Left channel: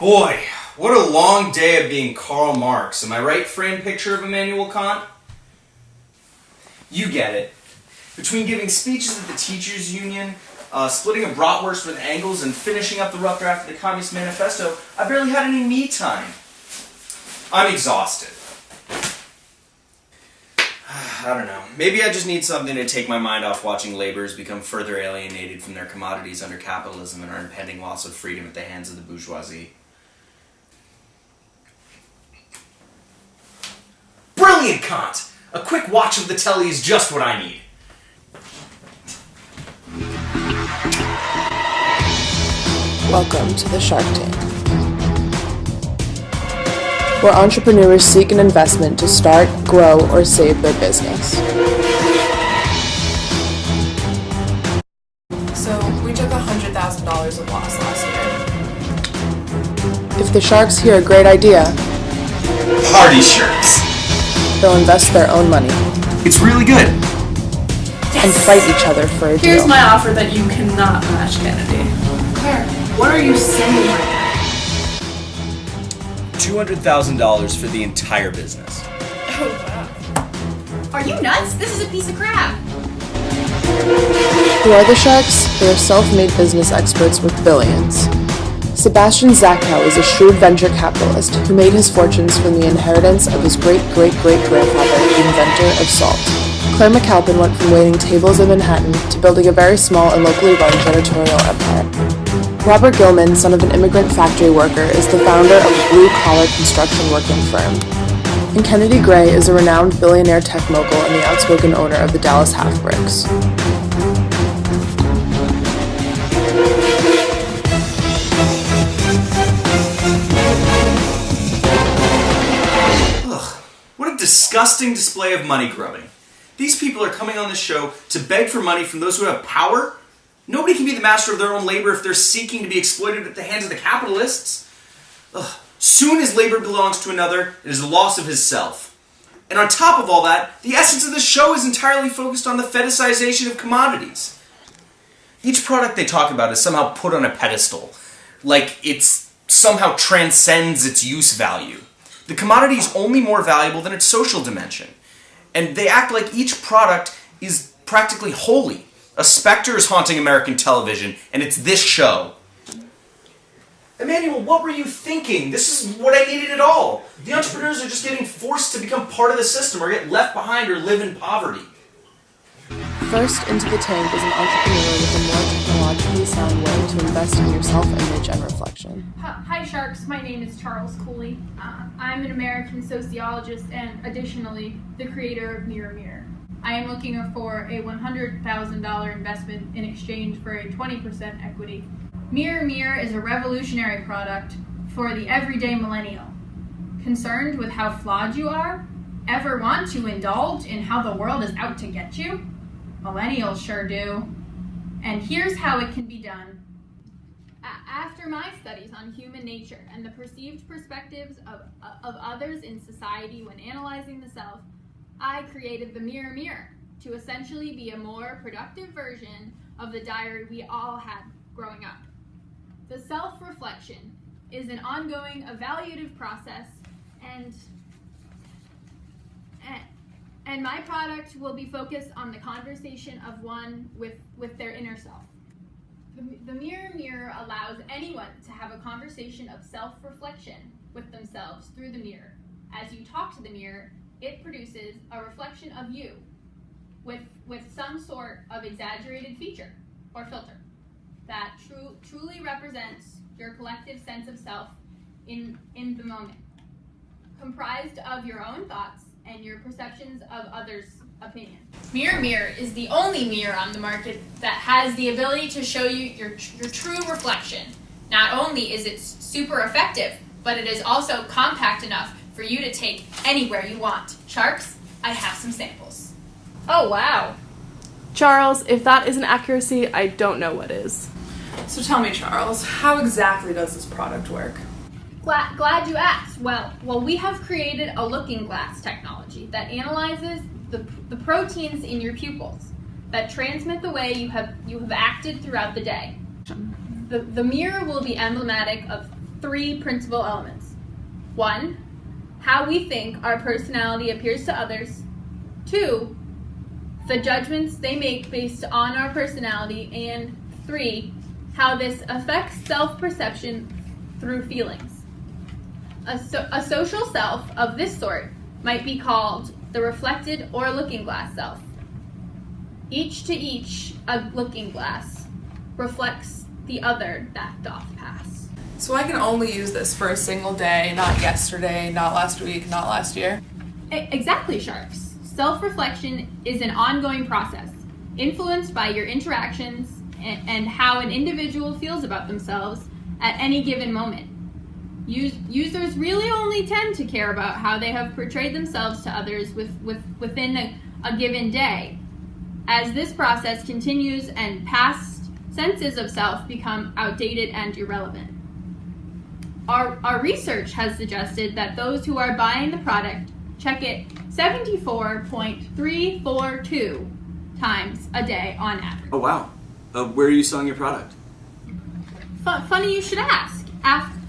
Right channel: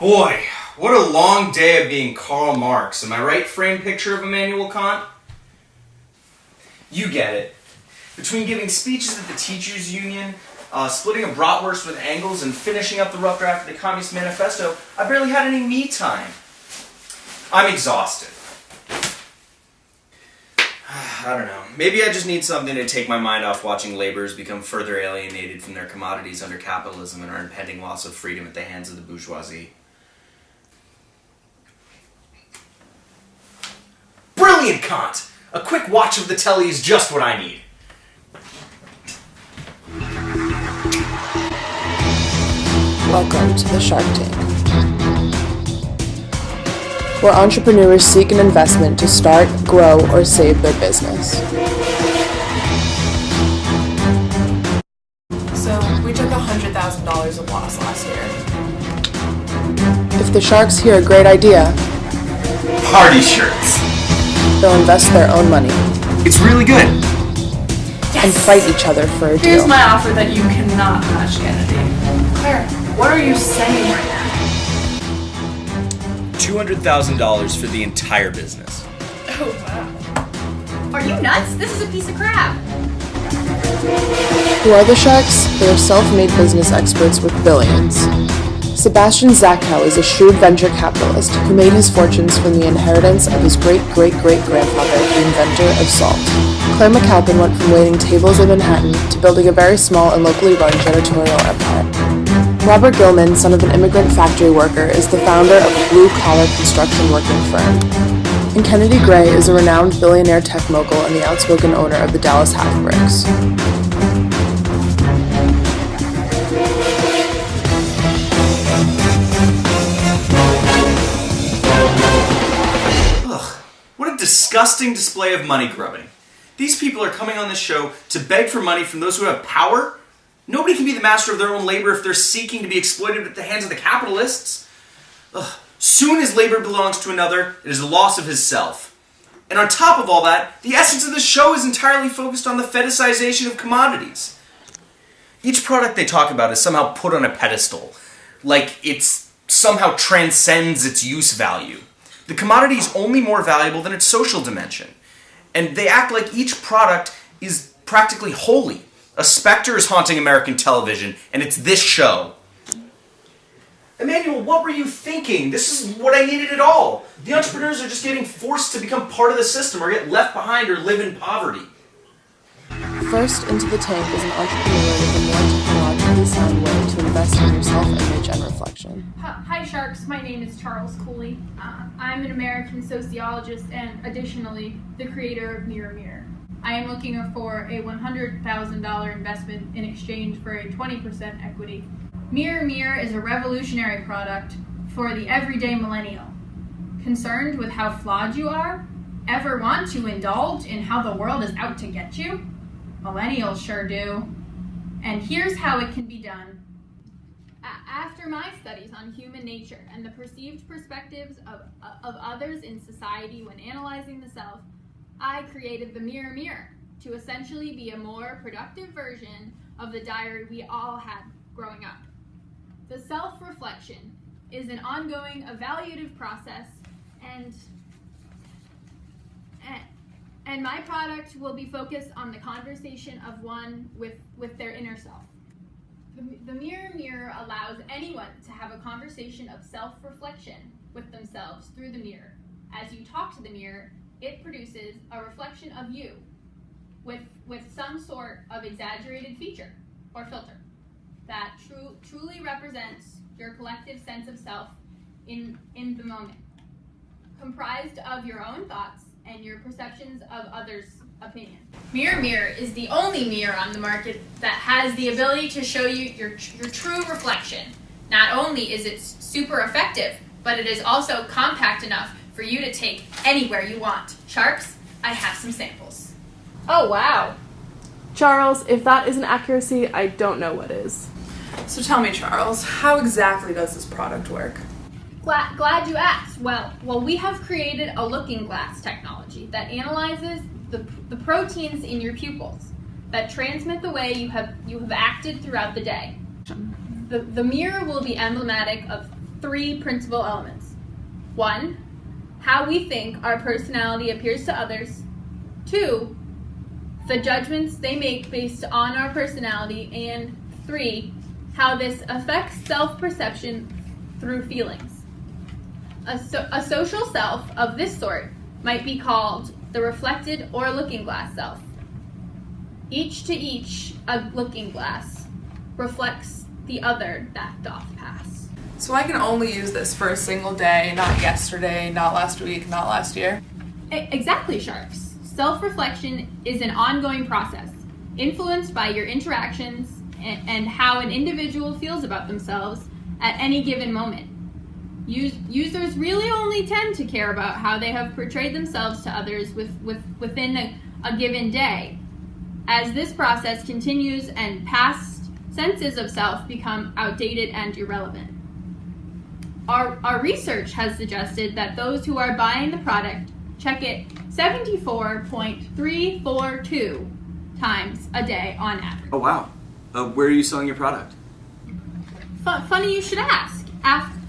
Boy, what a long day of being Karl Marx. Am I right, framed picture of Immanuel Kant? You get it. Between giving speeches at the teachers' union, splitting a bratwurst with Engels, and finishing up the rough draft of the Communist Manifesto, I barely had any me time. I'm exhausted. I don't know. Maybe I just need something to take my mind off watching laborers become further alienated from their commodities under capitalism and our impending loss of freedom at the hands of the bourgeoisie. Brilliant, Kant! A quick watch of the telly is just what I need. Welcome to the Shark Tank, where entrepreneurs seek an investment to start, grow, or save their business. So, we took $100,000 of loss last year. If the sharks hear a great idea, Party shirts. they'll invest their own money It's really good. and fight each other for a Here's deal. my offer that you cannot match, Kennedy. Claire, what are you saying right now? $200,000 for the entire business. Oh, wow. Are you nuts? This is a piece of crap. Who are the sharks? They are self-made business experts with billions. Sebastian Zachow is a shrewd venture capitalist who made his fortunes from the inheritance of his great-great-great-grandfather, the inventor of salt. Claire McAlpin went from waiting tables in Manhattan to building a very small and locally run janitorial empire. Robert Gilman, son of an immigrant factory worker, is the founder of a blue-collar construction working firm. And Kennedy Gray is a renowned billionaire tech mogul and the outspoken owner of the Dallas Half Bricks. What a disgusting display of money grubbing. These people are coming on this show to beg for money from those who have power. Nobody can be the master of their own labor if they're seeking to be exploited at the hands of the capitalists. Soon as labor belongs to another, it is the loss of his self. And on top of all that, the essence of this show is entirely focused on the fetishization of commodities. Each product they talk about is somehow put on a pedestal, like it's somehow transcends its use value. The commodity is only more valuable than its social dimension. And they act like each product is practically holy. A specter is haunting American television, and it's this show. Emmanuel, what were you thinking? This is what I needed at all. The entrepreneurs are just getting forced to become part of the system or get left behind or live in poverty. First into the tank is an entrepreneur with a more technologically sound way to invest in your self-image and reflection. Hi Sharks, my name is Charles Cooley. I'm an American sociologist and additionally the creator of Mirror Mirror. I am looking for a $100,000 investment in exchange for a 20% equity. Mirror Mirror is a revolutionary product for the everyday millennial. Concerned with how flawed you are? Ever want to indulge in how the world is out to get you? Millennials sure do. And here's how it can be done. After my studies on human nature and the perceived perspectives of others in society when analyzing the self, I created the Mirror Mirror to essentially be a more productive version of the diary we all had growing up. The self-reflection is an ongoing evaluative process and my product will be focused on the conversation of one with their inner self. The Mirror Mirror allows anyone to have a conversation of self-reflection with themselves through the mirror. As you talk to the mirror, it produces a reflection of you with some sort of exaggerated feature or filter that truly represents your collective sense of self in the moment, comprised of your own thoughts and your perceptions of others' opinion. Mirror Mirror is the only mirror on the market that has the ability to show you your true reflection. Not only is it super effective, but it is also compact enough for you to take anywhere you want. Sharks, I have some samples. Oh, wow. Charles, if that isn't accuracy, I don't know what is. So tell me, Charles, how exactly does this product work? Glad you asked. Well, we have created a looking glass technology that analyzes the proteins in your pupils that transmit the way you have acted throughout the day. The mirror will be emblematic of three principal elements. 1, how we think our personality appears to others. 2, the judgments they make based on our personality. And 3, how this affects self-perception through feelings. A social self of this sort might be called the reflected or looking glass self. Each to each, a looking glass reflects the other that doth pass. So I can only use this for a single day, not yesterday, not last week, not last year? Exactly, Sharks. Self-reflection is an ongoing process, influenced by your interactions and how an individual feels about themselves at any given moment. Users really only tend to care about how they have portrayed themselves to others within a given day. As this process continues and past senses of self become outdated and irrelevant. Our research has suggested that those who are buying the product check it 74.342 times a day on average. Oh, wow. Where are you selling your product? Funny you should ask.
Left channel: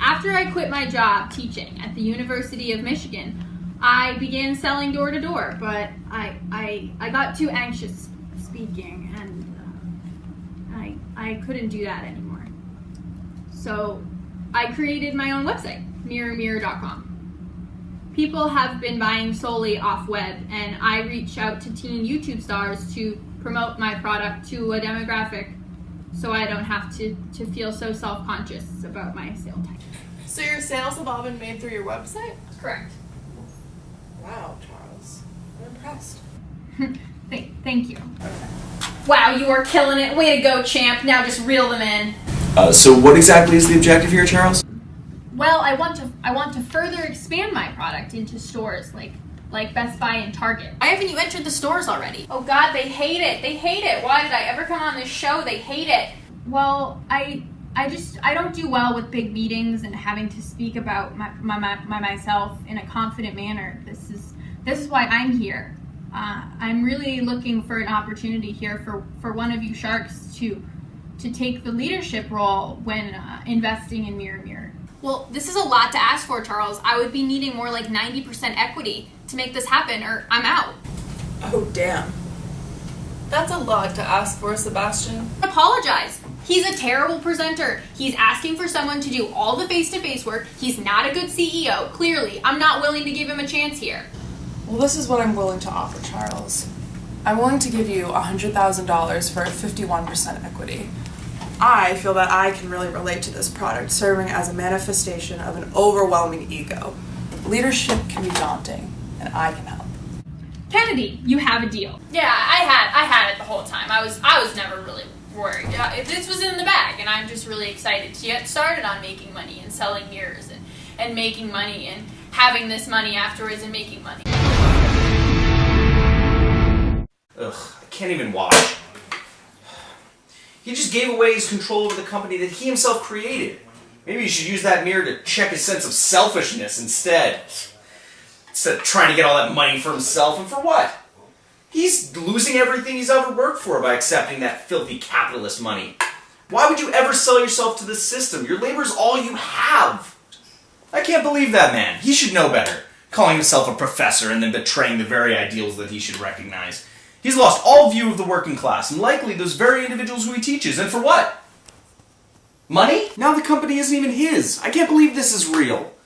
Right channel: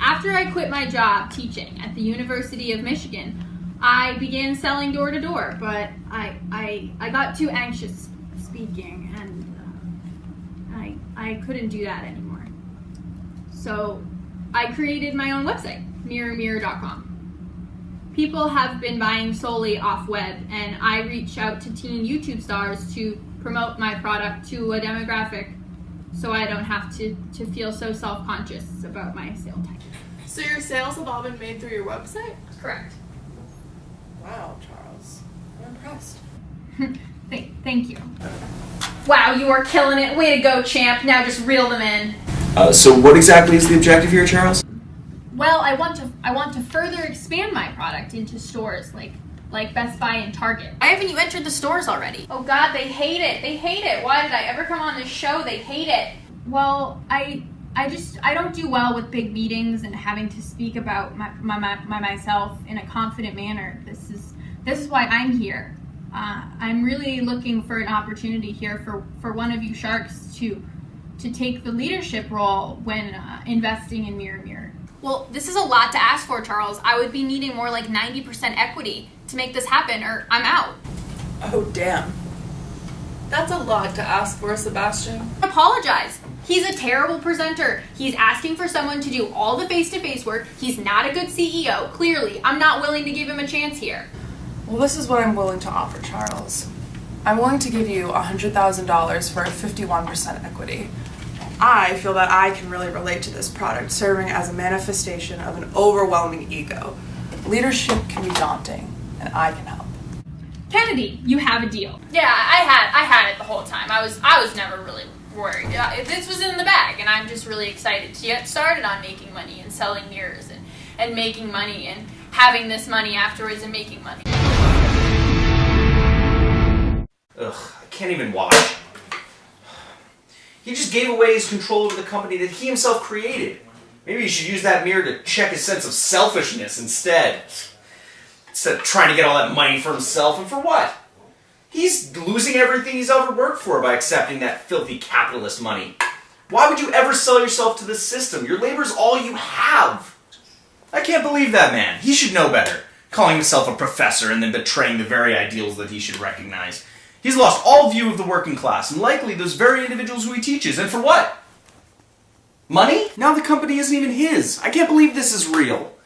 After I quit my job teaching at the University of Michigan, I began selling door to door, but I got too anxious speaking, and I couldn't do that anymore. So I created my own website, mirrormirror.com. People have been buying solely off web, and I reach out to teen YouTube stars to promote my product to a demographic so I don't have to feel so self-conscious about my sale type. So your sales have all been made through your website? Correct. Wow, Charles. I'm impressed. Thank you. Wow, you are killing it. Way to go, champ. Now just reel them in. So what exactly is the objective here, Charles? Well, I want to further expand my product into stores like Best Buy and Target. Why haven't you entered the stores already? Oh God, they hate it. They hate it. Why did I ever come on this show? They hate it. Well, I don't do well with big meetings and having to speak about myself in a confident manner. This is why I'm here. I'm really looking for an opportunity here for one of you sharks to take the leadership role when investing in Mirror Mirror. Well, this is a lot to ask for, Charles. I would be needing more like 90% equity to make this happen, or I'm out. Oh, damn. That's a lot to ask for, Sebastian. Apologize. He's a terrible presenter. He's asking for someone to do all the face-to-face work. He's not a good CEO. Clearly, I'm not willing to give him a chance here. Well, this is what I'm willing to offer, Charles. I'm willing to give you $100,000 for a 51% equity. I feel that I can really relate to this product, serving as a manifestation of an overwhelming ego. Leadership can be daunting, and I can help. Kennedy, you have a deal. Yeah, I had it the whole time. I was never really worried. This was in the bag, and I'm just really excited to get started on making money and selling mirrors and making money and having this money afterwards and making money. Ugh, I can't even watch. He just gave away his control over the company that he himself created. Maybe you should use that mirror to check his sense of selfishness instead. Instead of trying to get all that money for himself, and for what? He's losing everything he's ever worked for by accepting that filthy capitalist money. Why would you ever sell yourself to this system? Your labor's all you have. I can't believe that man. He should know better. Calling himself a professor and then betraying the very ideals that he should recognize. He's lost all view of the working class, and likely those very individuals who he teaches. And for what? Money? Now the company isn't even his. I can't believe this is real.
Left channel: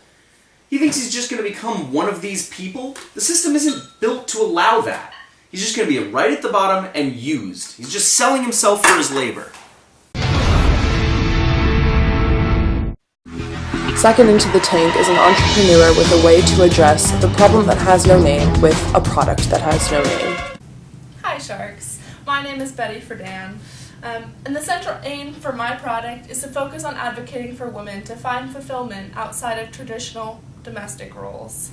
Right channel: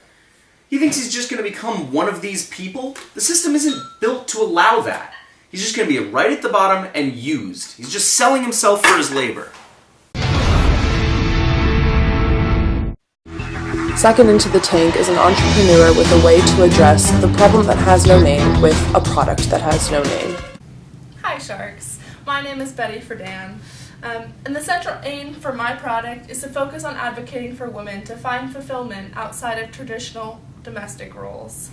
He thinks he's just going to become one of these people? The system isn't built to allow that. He's just going to be right at the bottom and used. He's just selling himself for his labor. Second into the tank is an entrepreneur with a way to address the problem that has no name with a product that has no name. Hi, Sharks. My name is Betty Friedan. And the central aim for my product is to focus on advocating for women to find fulfillment outside of traditional domestic roles.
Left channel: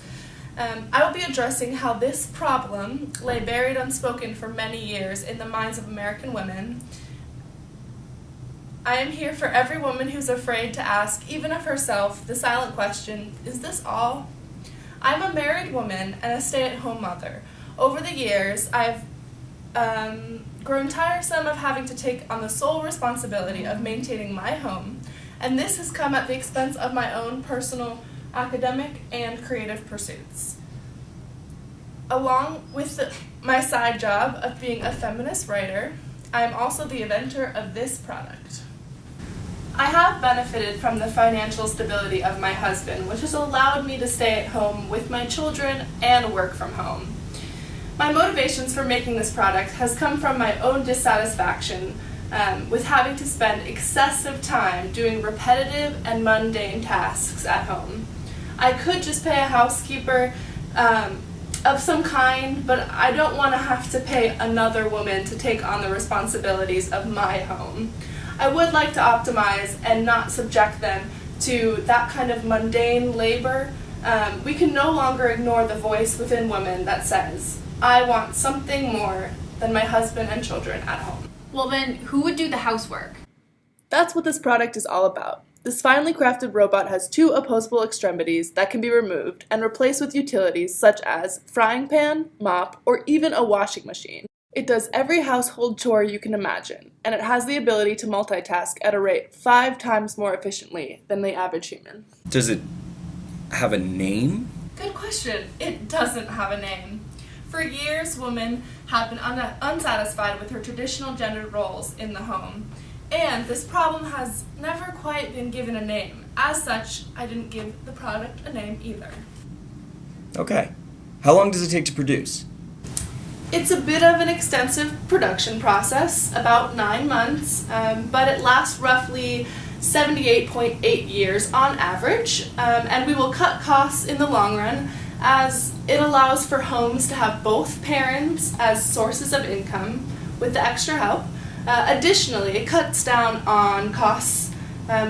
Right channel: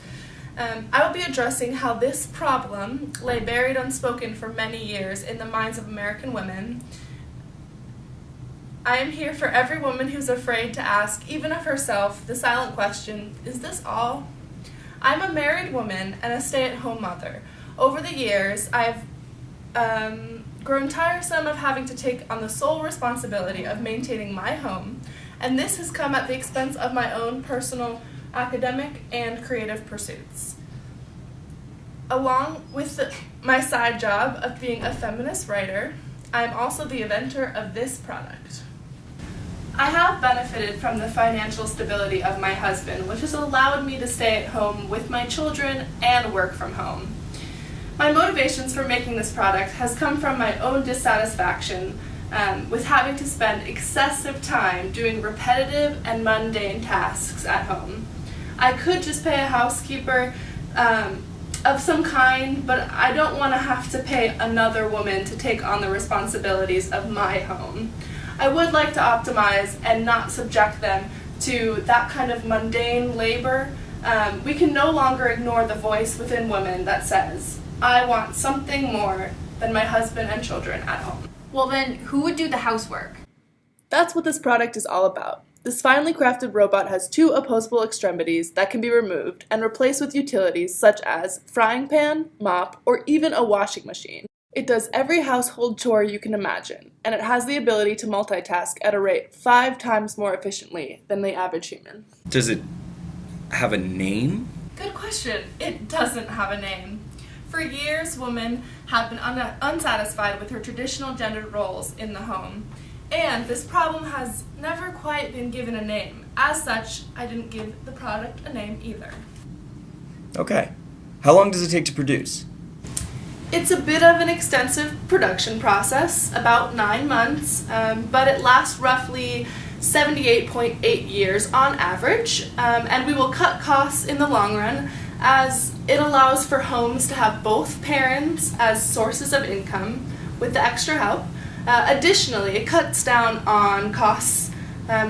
I will be addressing how this problem lay buried unspoken for many years in the minds of American women. I am here for every woman who's afraid to ask, even of herself, the silent question, is this all? I'm a married woman and a stay-at-home mother. Over the years, I've grown tiresome of having to take on the sole responsibility of maintaining my home and this has come at the expense of my own personal academic and creative pursuits. Along with my side job of being a feminist writer, I am also the inventor of this product. I have benefited from the financial stability of my husband, which has allowed me to stay at home with my children and work from home. My motivations for making this product has come from my own dissatisfaction with having to spend excessive time doing repetitive and mundane tasks at home. I could just pay a housekeeper of some kind, but I don't want to have to pay another woman to take on the responsibilities of my home. I would like to optimize and not subject them to that kind of mundane labor. We can no longer ignore the voice within women that says, I want something more than my husband and children at home. Well then, who would do the housework? That's what this product is all about. This finely crafted robot has 2 opposable extremities that can be removed and replaced with utilities such as frying pan, mop, or even a washing machine. It does every household chore you can imagine, and it has the ability to multitask at a rate 5 times more efficiently than the average human. Does it have a name? Good question. It doesn't have a name. For years, women have been unsatisfied with their traditional gendered roles in the home, and this problem has never quite been given a name. As such, I didn't give the product a name either. Okay. How long does it take to produce? It's a bit of an extensive production process, about 9 months, but it lasts roughly 78.8 years on average, and we will cut costs in the long run as it allows for homes to have both parents as sources of income with the extra help. Additionally, it cuts down on costs.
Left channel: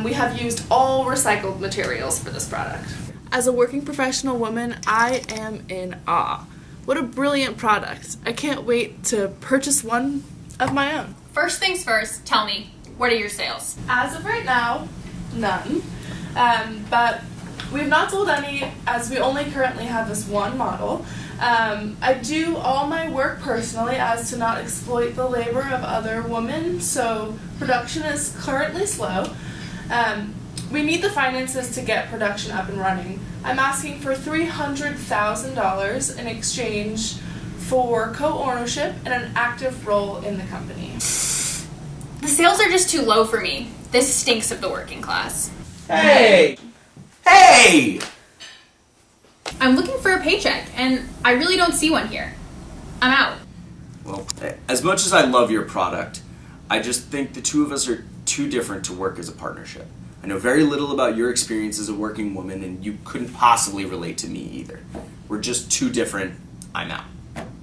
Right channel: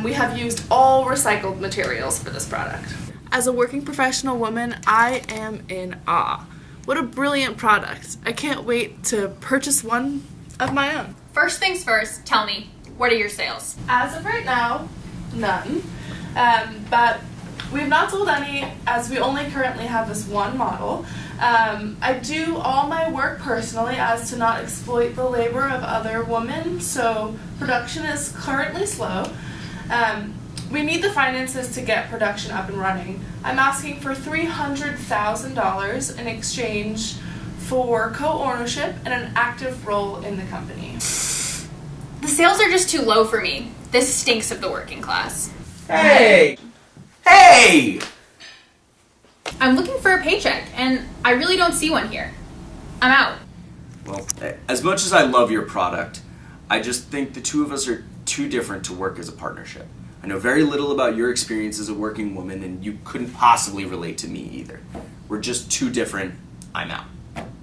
We have used all recycled materials for this product. As a working professional woman, I am in awe. What a brilliant product. I can't wait to purchase one of my own. First things first, tell me, what are your sales? As of right now, none. But we have not sold any as we only currently have this one model. I do all my work personally as to not exploit the labor of other women, so production is currently slow. We need the finances to get production up and running. I'm asking for $300,000 in exchange for co-ownership and an active role in the company. The sales are just too low for me. This stinks of the working class. Hey! Hey! I'm looking for a paycheck, and I really don't see one here. I'm out. Well, as much as I love your product, I just think the two of us are too different to work as a partnership. I know very little about your experience as a working woman, and you couldn't possibly relate to me either. We're just too different. I'm out.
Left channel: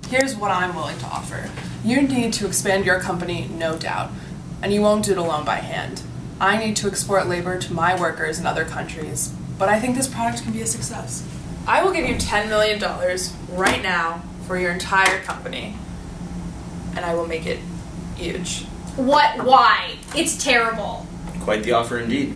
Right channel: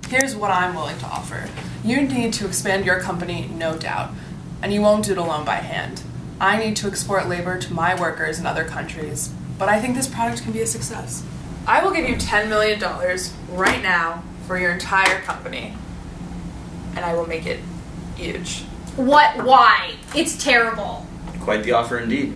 Here's what I'm willing to offer. You need to expand your company, no doubt, and you won't do it alone by hand. I need to export labor to my workers in other countries, but I think this product can be a success. I will give you $10 million right now for your entire company, and I will make it huge. What? Why? It's terrible. Quite the offer indeed.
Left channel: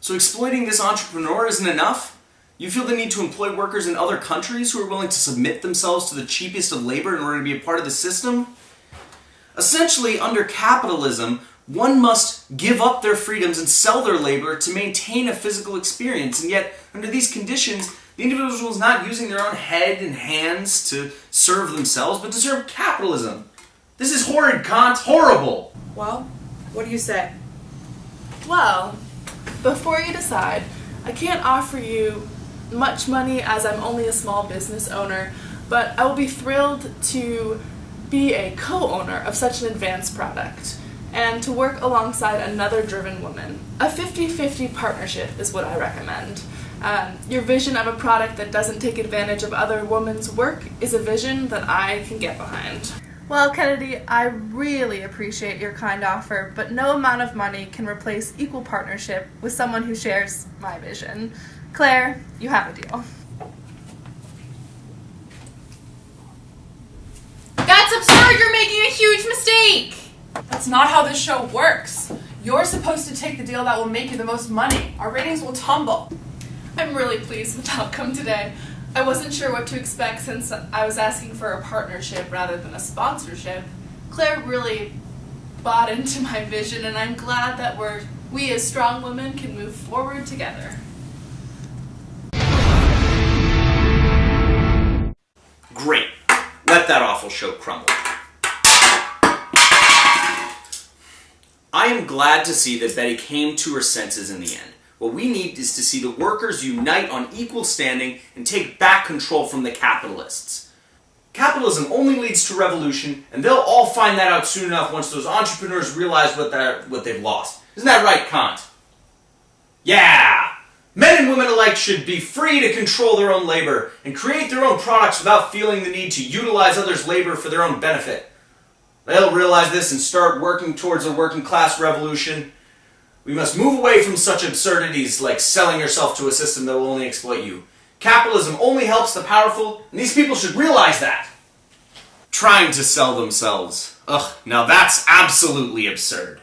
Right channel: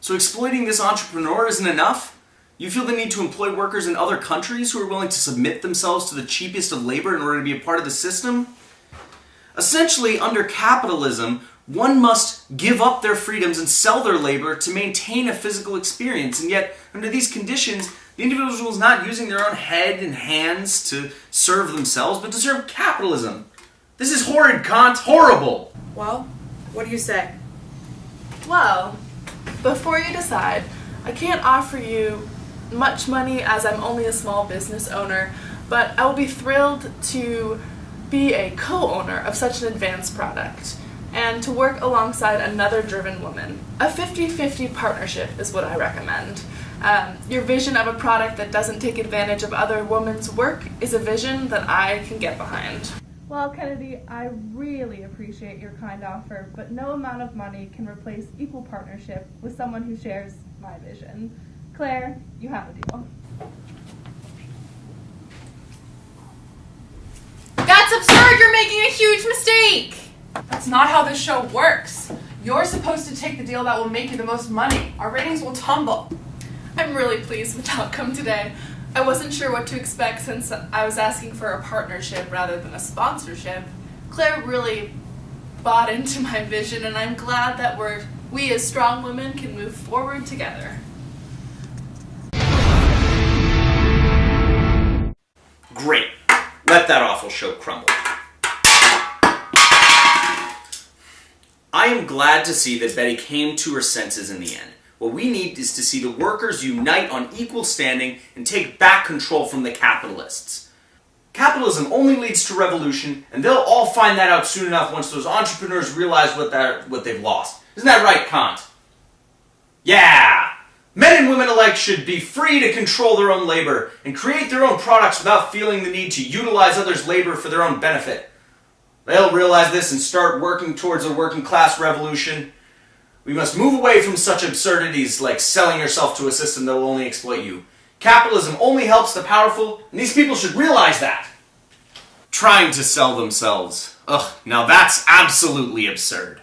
So exploiting this entrepreneur isn't enough? You feel the need to employ workers in other countries who are willing to submit themselves to the cheapest of labor in order to be a part of the system? Essentially, under capitalism, one must give up their freedoms and sell their labor to maintain a physical experience, and yet, under these conditions, the individual is not using their own head and hands to serve themselves, but to serve capitalism. This is horrid, Kant. Horrible! Well, what do you say? Well, before you decide, I can't offer you much money as I'm only a small business owner, but I will be thrilled to be a co-owner of such an advanced product and to work alongside another driven woman. A 50-50 partnership is what I recommend. Your vision of a product that doesn't take advantage of other women's work is a vision that I can get behind. Well, Kennedy, I really appreciate your kind offer, but no amount of money can replace equal partnership with someone who shares my vision. Claire, you have a deal. That's absurd! You're making a huge mistake! That's not how this show works. You're supposed to take the deal that will make you the most money. Our ratings will tumble. I'm really pleased with the outcome today. I wasn't sure what to expect since I was asking for a partnership rather than a sponsorship. Claire really bought into my vision, and I'm glad that we're We as strong women can move forward together. Great. Let that awful show crumble. I am glad to see that Betty came to her senses in the end. What we need is to see the workers unite on equal standing and take back control from the capitalists. Capitalism only leads to revolution, and they'll all find that out soon enough once those entrepreneurs realize what they've lost. Isn't that right, Kant? Yeah! Men and women alike should be free to control their own labor and create their own products without feeling the need to utilize others' labor for their own benefit. They'll realize this and start working towards a working class revolution. We must move away from such absurdities like selling yourself to a system that will only exploit you. Capitalism only helps the powerful, and these people should realize that. Trying to sell themselves. Ugh, now that's absolutely absurd.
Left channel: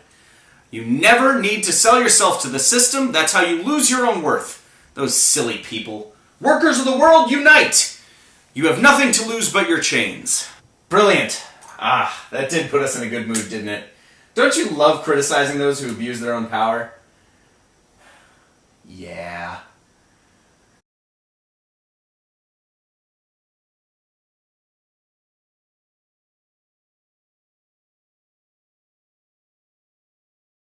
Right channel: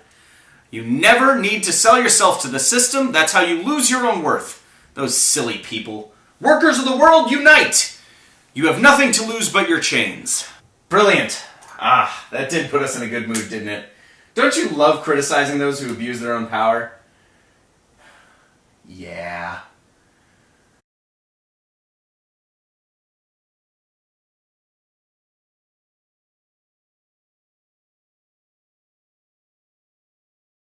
You never need to sell yourself to the system. That's how you lose your own worth. Those silly people. Workers of the world, unite! You have nothing to lose but your chains. Brilliant. Ah, that did put us in a good mood, didn't it? Don't you love criticizing those who abuse their own power? Yeah.